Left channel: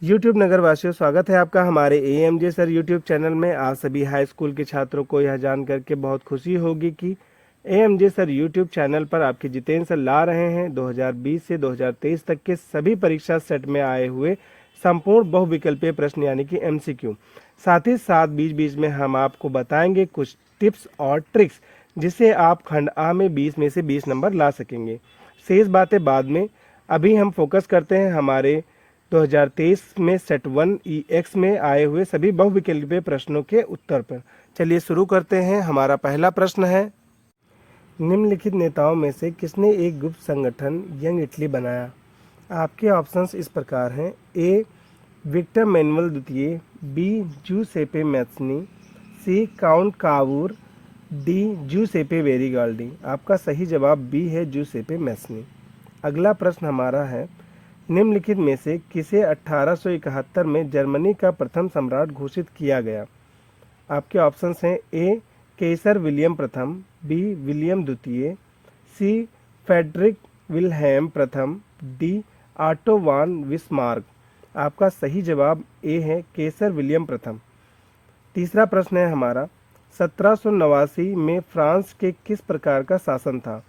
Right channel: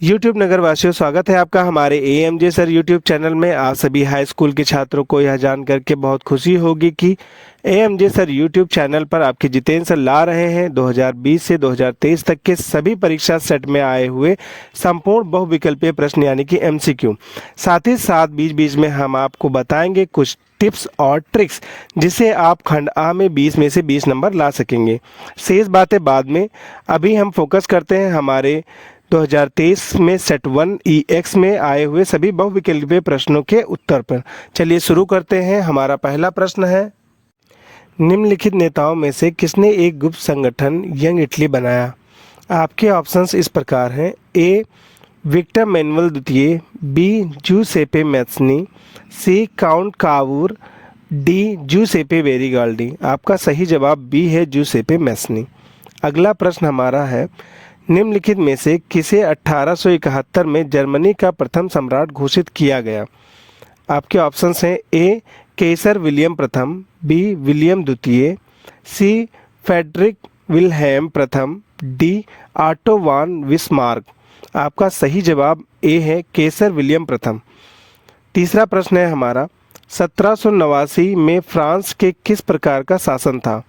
YouTube नगरवासियों, स्वागत है आपका हमारे एएमजे सर यूट्यूब चैनल में। आप सभी हाई स्कूल के छात्रों को यह जान करके बहुत खुशी होगी कि एएमजे सर यूट्यूब चैनल पर आपके जितेंद्र सर ला रहे हैं 2020 से 2023 तक के सभी परीक्षा सेट में आए हुए संपूर्ण बहुविकल्पीय प्रश्न यानी कि एमसीक्यू। साथ ही साथ बीच बीच में हम आपको बताएंगे कुछ टिप्स और ट्रिक्स जिससे आप खंड आ में 20 में से 20 नंबर ला सकेंगे। शेष बातें बाद में। अभी हम फोकस करते हैं हमारे 2023 में सेट 1 ईएक्स में आए हुए सभी बहुविकल्पीय प्रश्नों के उत्तर पर। चलिए शुरू करते हैं। हमारा पहला प्रश्न है, निम्नलिखित नेताओं में से किसने एक गुप्त संगठन यंग इटली बनाया? आपके ऑप्शंस इस प्रकार हैं। ए विक्टर मैनुअल द्वितीय, B Giuseppe Mazzini, C Count Cavour, D Giuseppe Garibaldi. आपका सही जवाब बी है, जूसेपे मैत्सनी। अगला प्रश्न हमारा है, निम्नलिखित में से किसे 1871 में जर्मनी का प्रथम सम्राट घोषित किया गया? आपके ऑप्शंस हैं। ए केसर विलियम प्रथम, बी विलियम द्वितीय, सी फेडरिक विल्हेम प्रथम, डी ऑटो वान विस्मार्क। आपका सही जवाब ए है, केसर विलियम प्रथम। तीसरा प्रश्न है हमारा, 1789 में फ्रांस के किस प्रकार का शासन था?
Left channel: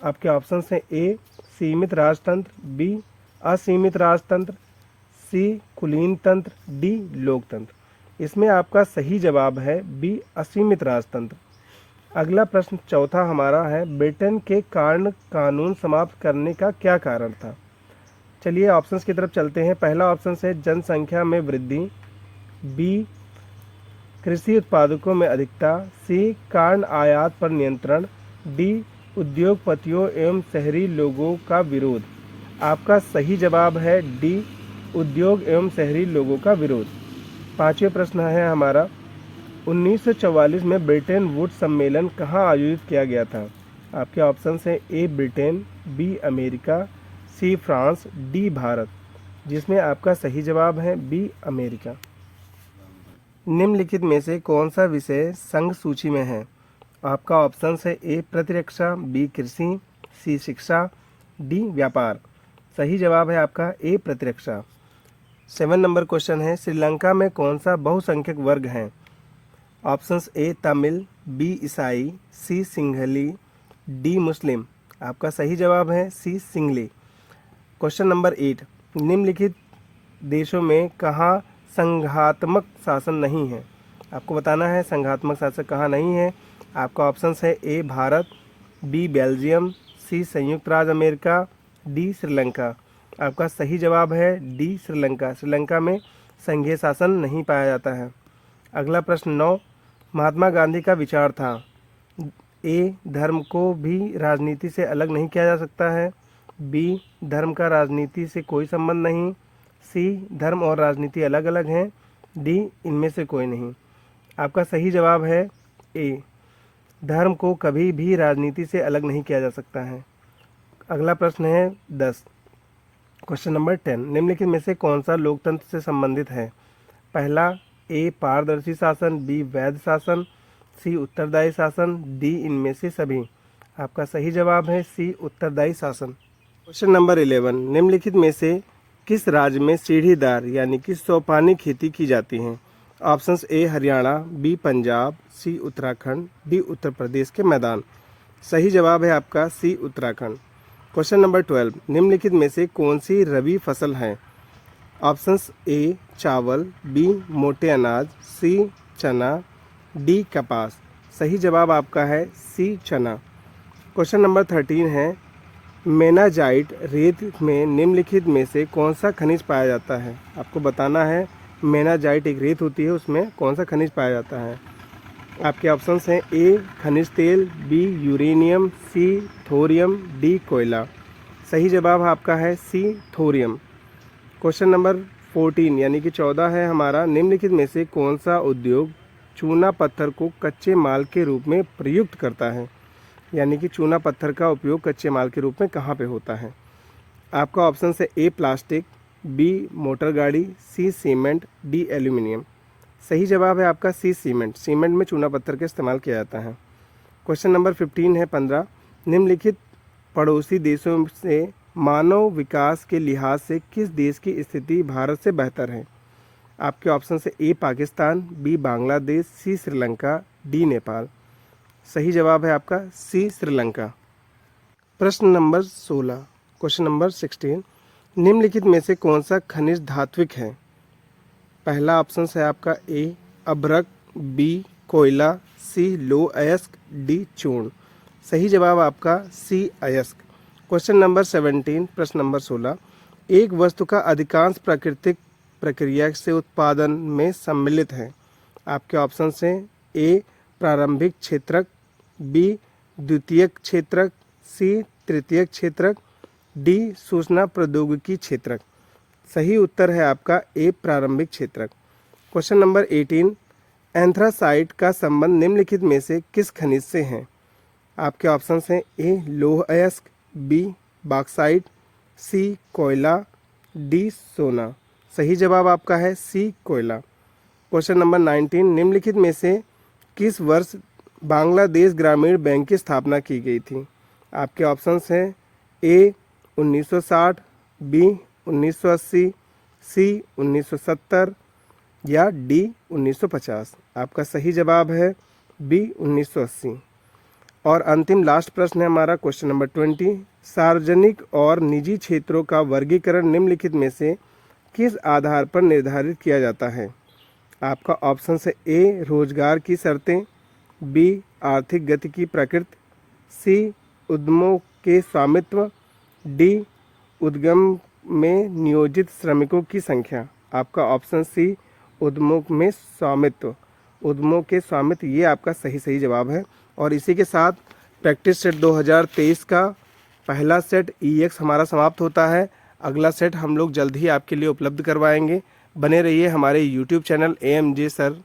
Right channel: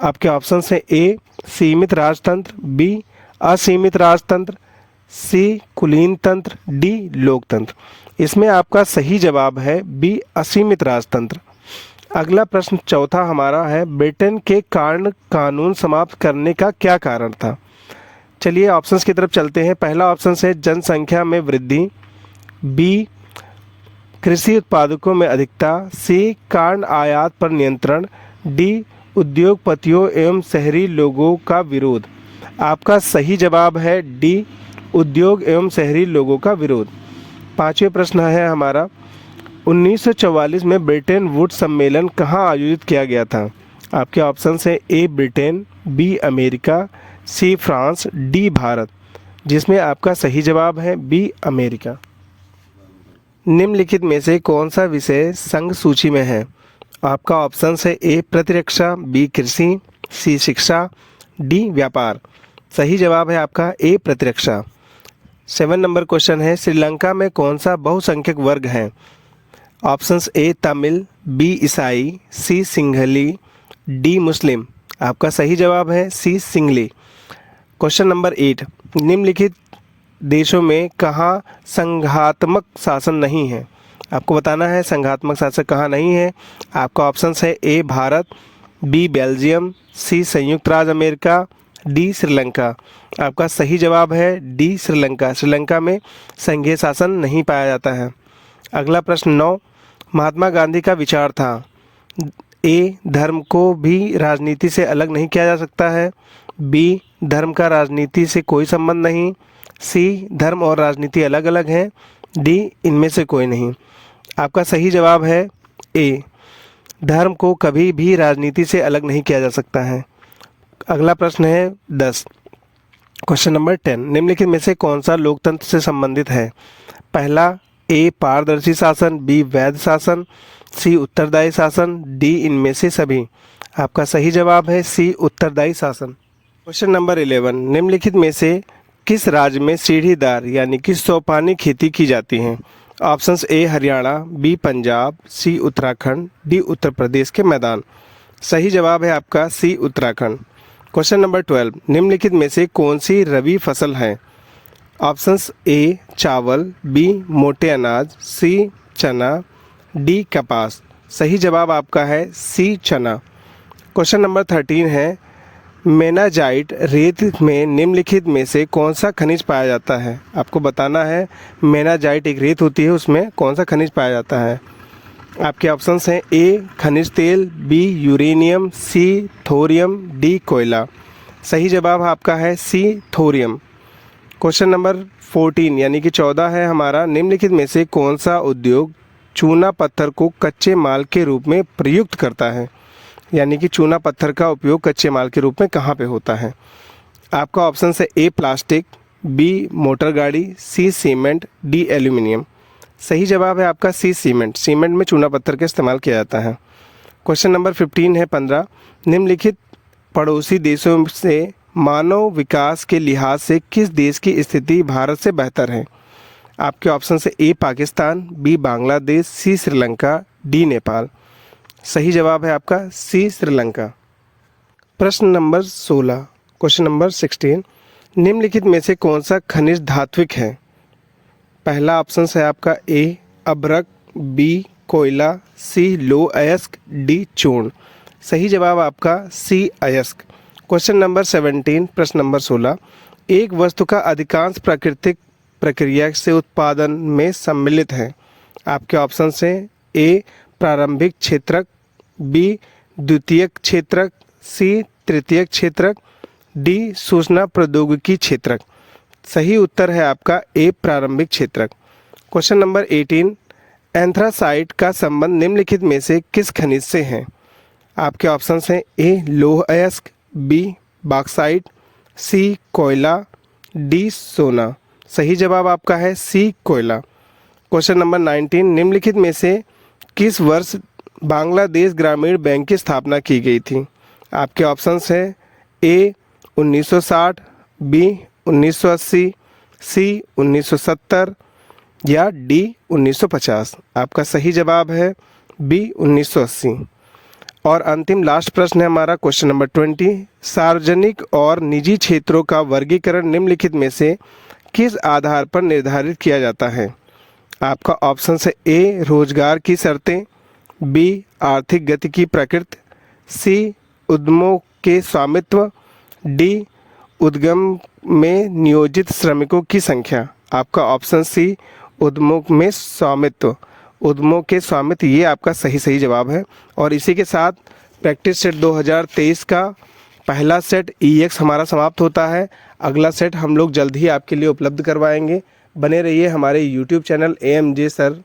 आपके ऑप्शंस हैं। ए सीमित राजतंत्र, बी असीमित राजतंत्र, सी कुलीन तंत्र, डी लोकतंत्र। इसमें आपका सही जवाब है बी असीमित राजतंत्र। अगला प्रश्न चौथा हमारा है, ब्रिटेन के कारण कानून समाप्त करने का क्या कारण था? चलिए ऑप्शंस की तरफ चलते हैं। पहला ऑप्शन है जनसंख्या में वृद्धि, बी कृषि उत्पादकों में अधिकता, सी कारण आयात पर नियंत्रण, डी उद्योगपतियों एवं शहरी लोगों का विरोध। आपका सही जवाब है डी उद्योग एवं शहरी लोगों का विरोध। पांचवें प्रश्न है हमारा, 1944 में ब्रिटेन वुड सम्मेलन कहाँ आयोजित किया गया था? आपके ऑप्शन है। A Britain, B America, C France, D Bharat. जिसमें आपका सही जवाब है बी अमेरिका। निम्नलिखित में से कौन सा विषय संघ सूची में है? आपका ऑप्शन है। ए प्रतिरक्षा, बी कृषि, सी शिक्षा, डी व्यापार। सही जवाब है आपका ए प्रतिरक्षा। 7 नंबर क्वेश्चन है, श्रीलंका में कौन सा बहुसंख्यक वर्ग है? ऑप्शंस ए तमिल, बी ईसाई, सी सिंघली, डी मुस्लिम। आपका सही जवाब है सी सिंघली। क्वेश्चन नंबर 8, निम्नलिखित देशों में कहाँ संघात्मक शासन नहीं है? आपको बताना है संघात्मक शासन कहाँ नहीं है। आपका ऑप्शंस है। ए भारत, बी बेल्जियम, सी संयुक्त राज्य अमेरिका, डी श्रीलंका। आपका सही जवाब है डी श्रीलंका। श्रीलंका में संघीय शासन नहीं पाया जाता है। अगला प्रश्न 9, महात्मा गांधी का विचार था। ए धर्म को भी राजनीति से अलग नहीं किया जा सकता है, बी धर्म का राजनीति से कोई संबंध नहीं, सी धर्म और राजनीति अलग अलग हैं, डी इनमें से कोई नहीं। आपका सही जवाब है ए धर्म को कभी भी राजनीति से अलग नहीं किया जा सकता है। अगला प्रश्न है 10, क्वेश्चन नंबर 10, निम्नलिखित में से कौन सा लोकतंत्र से संबंधित है? पहला, ए पारदर्शी शासन, बी वैध शासन, सी उत्तरदायी शासन, डी इनमें से सभी। आपका सही जवाब है सी उत्तरदायी शासन। क्वेश्चन नंबर 11, निम्नलिखित में से किस राज्य में सीढ़ीदार यानी कि सोपानी खेती की जाती है? Options A Haryana, B Punjab, C Uttarakhand, D Uttar Pradesh के मैदान। सही जवाब है आपका सी उत्तराखंड। क्वेश्चन नंबर 12, निम्नलिखित में से कौन सी रबी फसल है? ऑप्शंस ए चावल, बी मोटे अनाज, सी चना, डी कपास। सही जवाब आपका है सी चना। क्वेश्चन नंबर 13 है, मेनाजाइट रेत में निम्नलिखित में से कौन सा खनिज पाया जाता है? आपको बताना है मेनाजाइट एक रेत होती है, उसमें कौन सा खनिज पाया जाता है। आपके ऑप्शंस हैं। ए खनिज तेल, बी यूरेनियम, सी थोरियम, डी कोयला। सही जवाब आपका है सी थोरियम। क्वेश्चन नंबर 14 यानी कि 14 है हमारा, निम्नलिखित में से कौन सा उद्योग चूना पत्थर को कच्चे माल के रूप में प्रयुक्त करता है? यानी कि चूना पत्थर का उपयोग कच्चे माल के रूप में कहाँ पे होता है? आपका ऑप्शन है। ए प्लास्टिक, बी मोटर गाड़ी, सी सीमेंट, डी एल्यूमिनियम। सही जवाब है आपका सी सीमेंट। सीमेंट में चूना पत्थर का इस्तेमाल किया जाता है। क्वेश्चन नंबर 15 है 15, निम्नलिखित पड़ोसी देशों से मानव विकास के लिहाज से किस देश की स्थिति भारत से बेहतर है? आपके ऑप्शन से ए पाकिस्तान, बी बांग्लादेश, सी श्रीलंका, डी नेपाल। सही जवाब है आपका सी श्रीलंका। प्रश्न नंबर 16, क्वेश्चन नंबर 16, निम्नलिखित में से कौन सा खनिज धात्विक है? पहला ऑप्शन है आपका ए अभ्रक, बी कोयला, सी लौह अयस्क, डी चूर्ण। सही जवाब आपका सी अयस्क। क्वेश्चन नंबर 17, प्रश्न नंबर 16, एक वस्तु का अधिकांश प्राकृतिक प्रक्रिया से उत्पादन में सम्मिलित है। आपके ऑप्शन हैं ए प्रारंभिक क्षेत्रक, बी द्वितीयक क्षेत्रक, सी तृतीयक क्षेत्रक, डी सूचना प्रौद्योगिकी क्षेत्रक। सही उत्तर है आपका ए प्रारंभिक क्षेत्रक। क्वेश्चन नंबर 18, एंथ्रासाइट का संबंध निम्नलिखित में से किस खनिज से है? आपके ऑप्शन हैं ए लौह अयस्क, बी बॉक्साइट, सी कोयला, डी सोना। सही जवाब आपका है सी कोयला। क्वेश्चन नंबर 19, निम्नलिखित में से किस वर्ष बांग्लादेश ग्रामीण बैंक की स्थापना की गई थी? आपके ऑप्शंस हैं ए 1960, बी 1980, सी 1970 या डी 1950। आपका सही जवाब है बी 1980। और अंतिम लास्ट प्रश्न है हमारा क्वेश्चन नंबर 20, सार्वजनिक और निजी क्षेत्रों का वर्गीकरण निम्नलिखित में से किस आधार पर निर्धारित किया जाता है? आपका ऑप्शन है ए रोजगार की शर्तें, बी आर्थिक गति की प्रकृति, सी उद्यमों के स्वामित्व, डी उद्गम में नियोजित श्रमिकों की संख्या। आपका ऑप्शन सी उद्यमों में स्वामित्व, उद्यमों के स्वामित्व, ये आपका सही जवाब है। और इसी के साथ प्रैक्टिस सेट 2023 का पहला सेट EX हमारा समाप्त होता है। अगला सेट हम लोग जल्द ही आपके लिए उपलब्ध करवाएंगे। बने रहिए हमारे YouTube चैनल AMJ सर